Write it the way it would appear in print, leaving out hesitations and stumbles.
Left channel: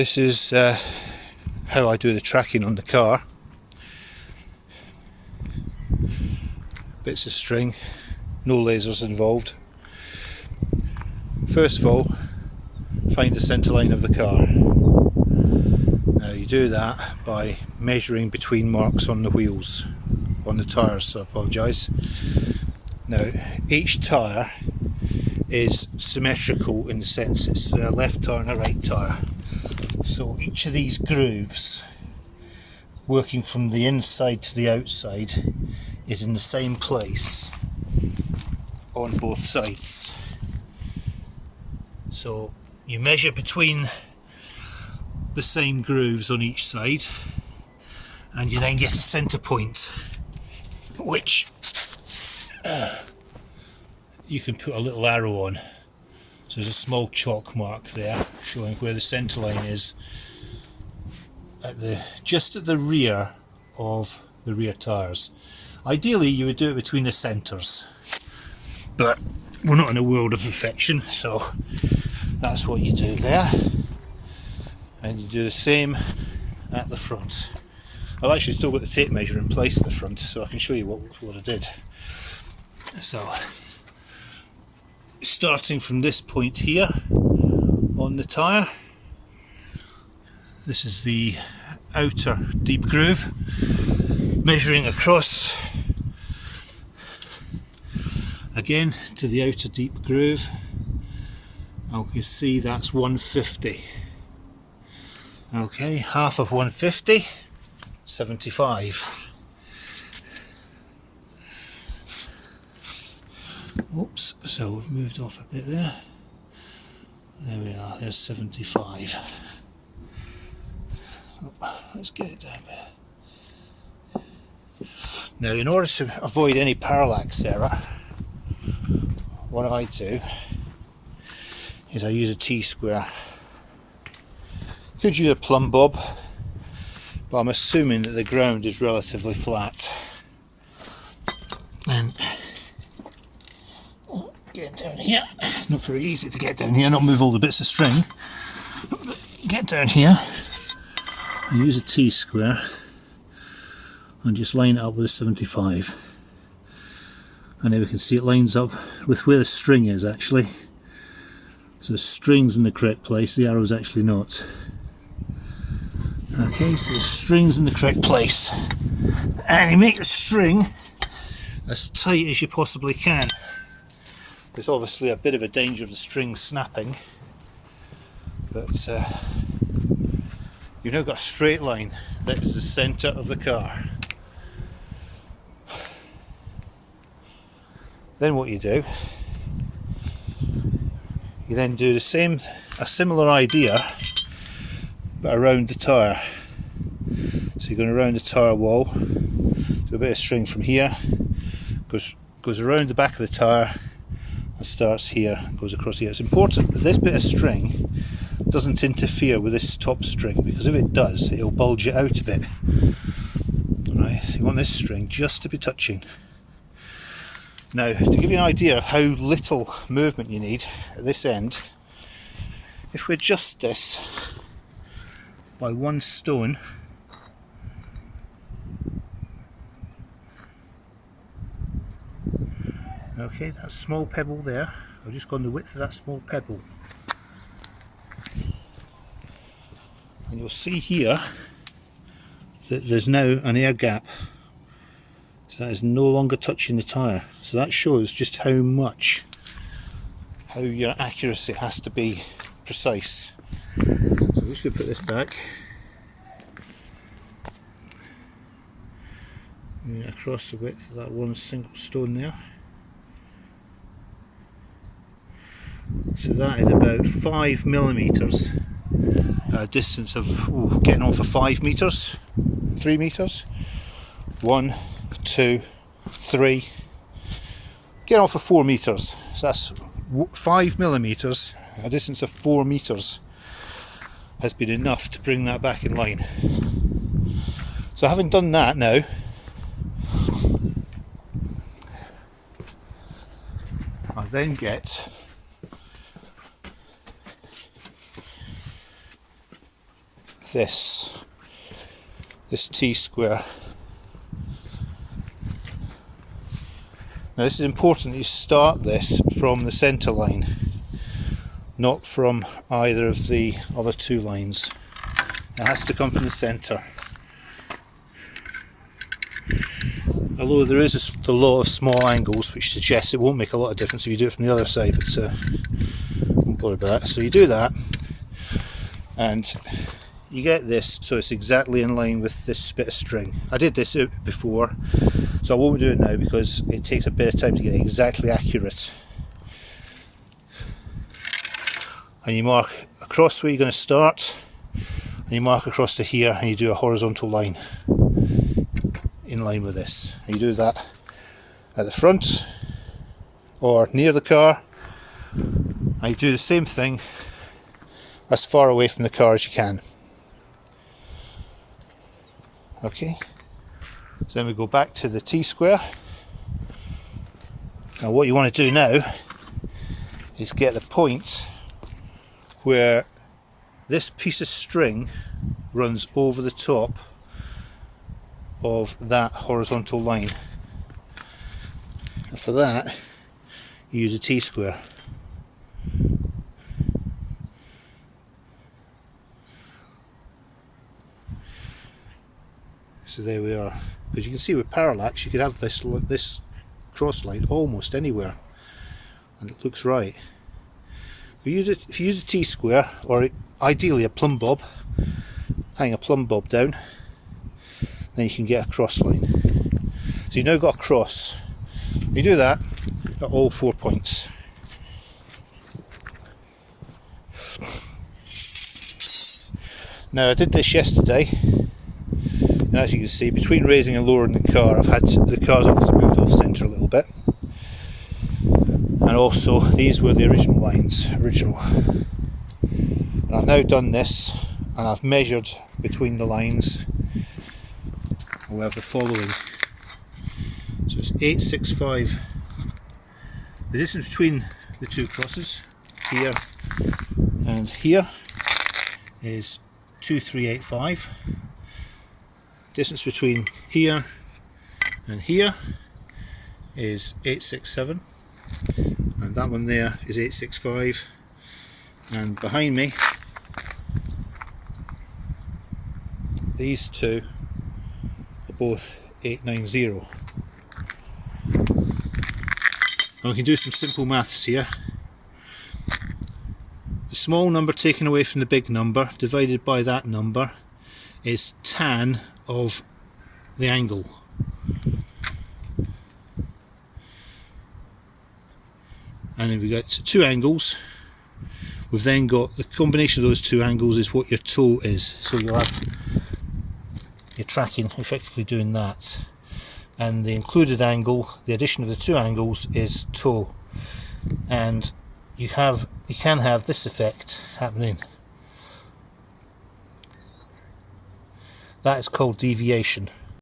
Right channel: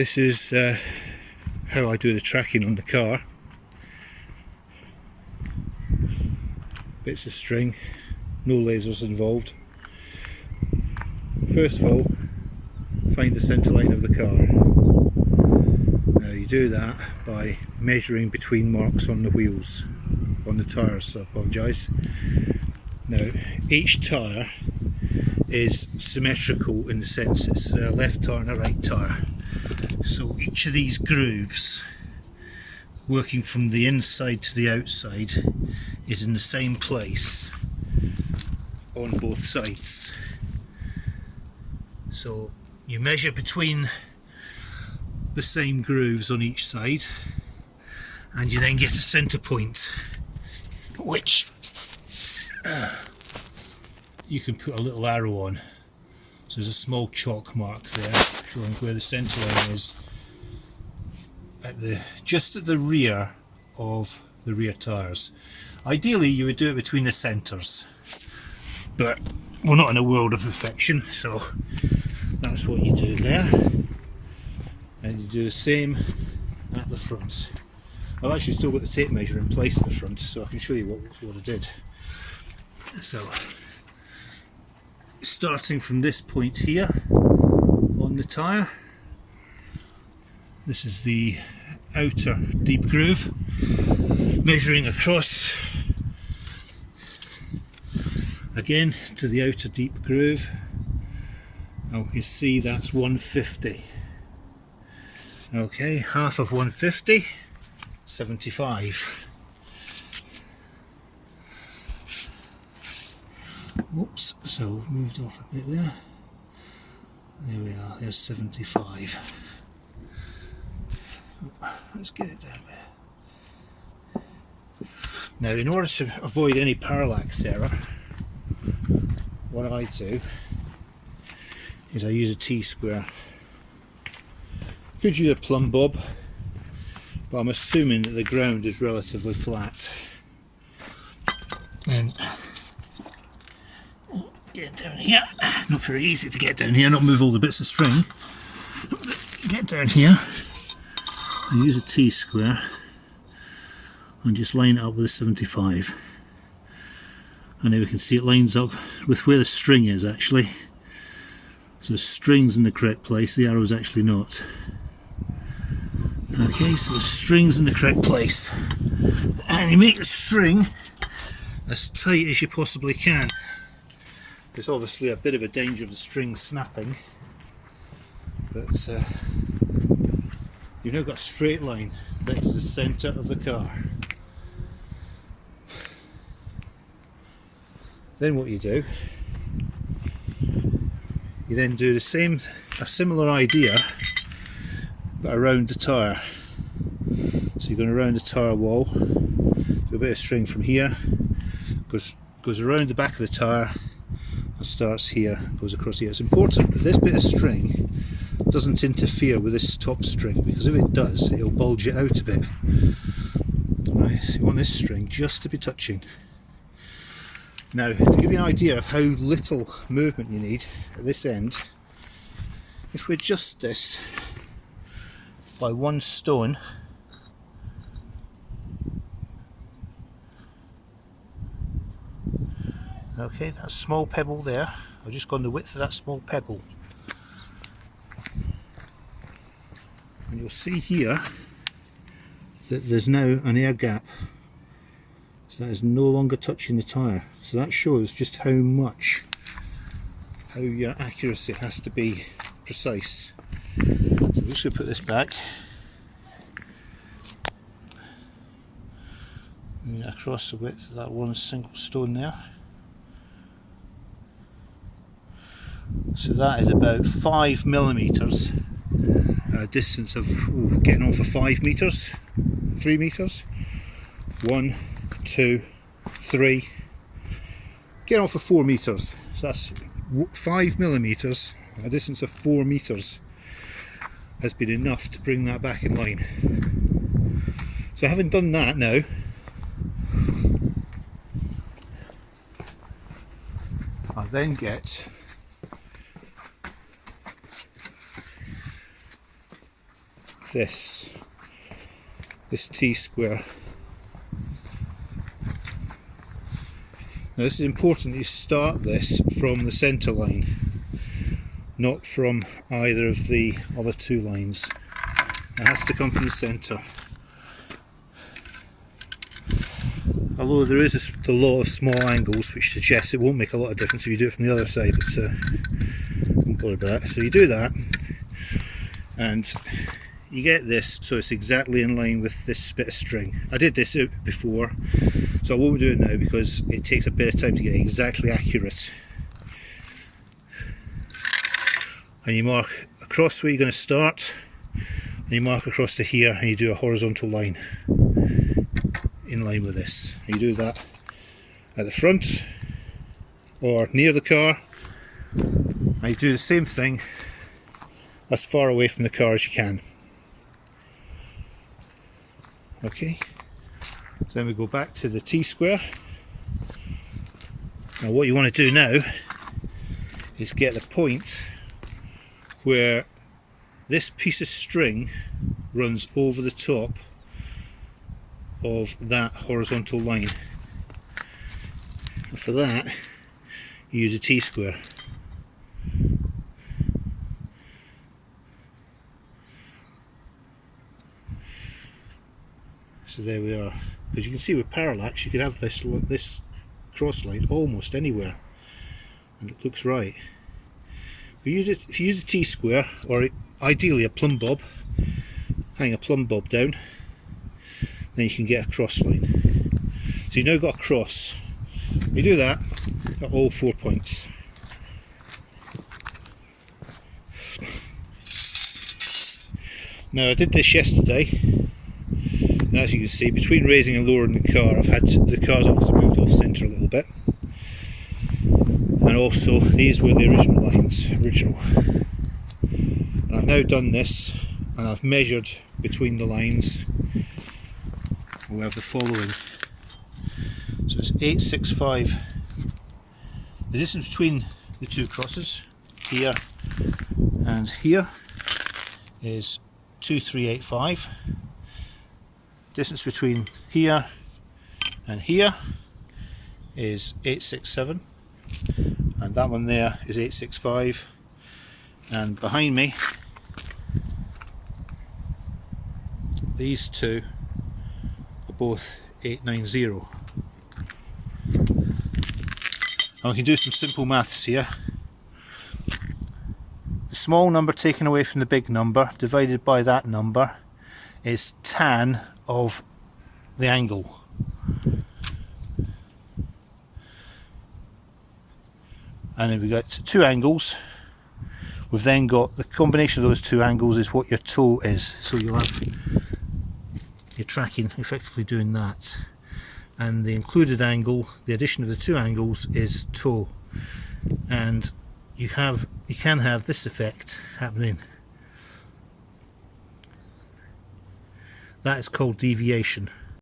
This is how I do the tracking on the car. Bits of string, no lasers involved. First of all, find the centre line of the car. Now you do that by measuring between marks on the wheels, on the tyres, so I apologise. Now each tyre is symmetrical in the sense it's a left tyre and a right tyre. So each of these grooves, working from the inside to the outside, is in the same place on both sides. So you measure between the same grooves on each side, and you then get a centre point, which you can put a little arrow on. So there's a small chalk mark there showing where the centre line is just at the rear of the rear tyres. Ideally you would do it between the centres, but we're not in a world of perfection, so that's what you do there. And you do the same at the front. I've actually still got the tape measure in place at the front, so I can show you what I did. So starting from this point here on the tyre, this is the outer deep groove, measuring across again to the outer deep groove. You can see that's 150. Okay, half of 150, 75. Oops, so we've moved off a bit there. There we are, there's 75. Oh, let's get it down there. Now, in order to avoid any parallax error, what I do is I use a T-square. Could use a plumb bob, but I'm assuming that the ground is relatively flat. And get down here, not very easy to get down here, not move all the bits of string. Get down here and use a T-square and just line it up with a 75. And then we can see it lines up with where the string is actually. So the string's in the correct place, the arrow's actually not. Okay, so the string's in the correct place. And you make the string as tight as you possibly can. There's obviously a bit of a danger of the string snapping, but you've now got a straight line that's the centre of the car. Then what you do, you then do a similar idea, but around the tyre. So you're going around the tyre wall, do a bit of string from here, goes around the back of the tyre, and starts here, goes across here. It's important that this bit of string doesn't interfere with this top string, because if it does, it'll bulge it out a bit. Alright, so you want this string just to be touching. Now, to give you an idea of how little movement you need at this end, if we adjust this by 1 stone, okay, that small pebble there, I've just gone the width of that small pebble. And you'll see here that there's now an air gap. So that is no longer touching the tyre. So that shows just how your accuracy has to be precise. So I'm just going to put this back. And across the width of that 1 single stone there. So that is about 5 millimetres, a distance of getting on for 5 metres, 3 metres, 1, 2, 3, getting on for 4 metres. So that's 5 millimetres, a distance of 4 metres has been enough to bring that back in line. So having done that now, I then get this T-square. Now this is important, you start this from the centre line, not from either of the other two lines. It has to come from the centre. Although there is the law of small angles which suggests it won't make a lot of difference if you do it from the other side, but don't worry about that. So you do that and you get this so it's exactly in line with this bit of string. I did this before, so I won't do it now because it takes a bit of time to get it exactly accurate. And you mark across where you're going to start, and you mark across to here, and you do a horizontal line in line with this. And you do that at the front or near the car, and you do the same thing as far away from the car as you can. Okay, so then we go back to the T-square. Now what you want to do now is get the point where this piece of string runs over the top of that horizontal line. And for that you use a T-square. So there we are. Because you can see with parallax you could have this cross line almost anywhere and it looks right. If you use a T-square, or ideally a plumb bob, hang a plumb bob down, then you can get a cross line. So you've now got a cross. You do that at all 4 points. Now I did this yesterday, and as you can see, between raising and lowering the car, I've had the car's obviously moved off centre a little bit, and also these were the original lines, And I've now done this, and I've measured between the lines, and we have the following. So it's 865. The distance between the two crosses, here and here, is 2385. Distance between here and here is 867, and that one there is 865, and behind me these two are both 890. Now we can do some simple maths here. The small number taken away from the big number divided by that number is tan of the angle. And then we've got two angles. We've then got the combination of those two angles is what your toe is. So you'll have your tracking effectively doing that. And the included angle, the addition of the two angles, is toe. And you can have this effect happening. That is called deviation.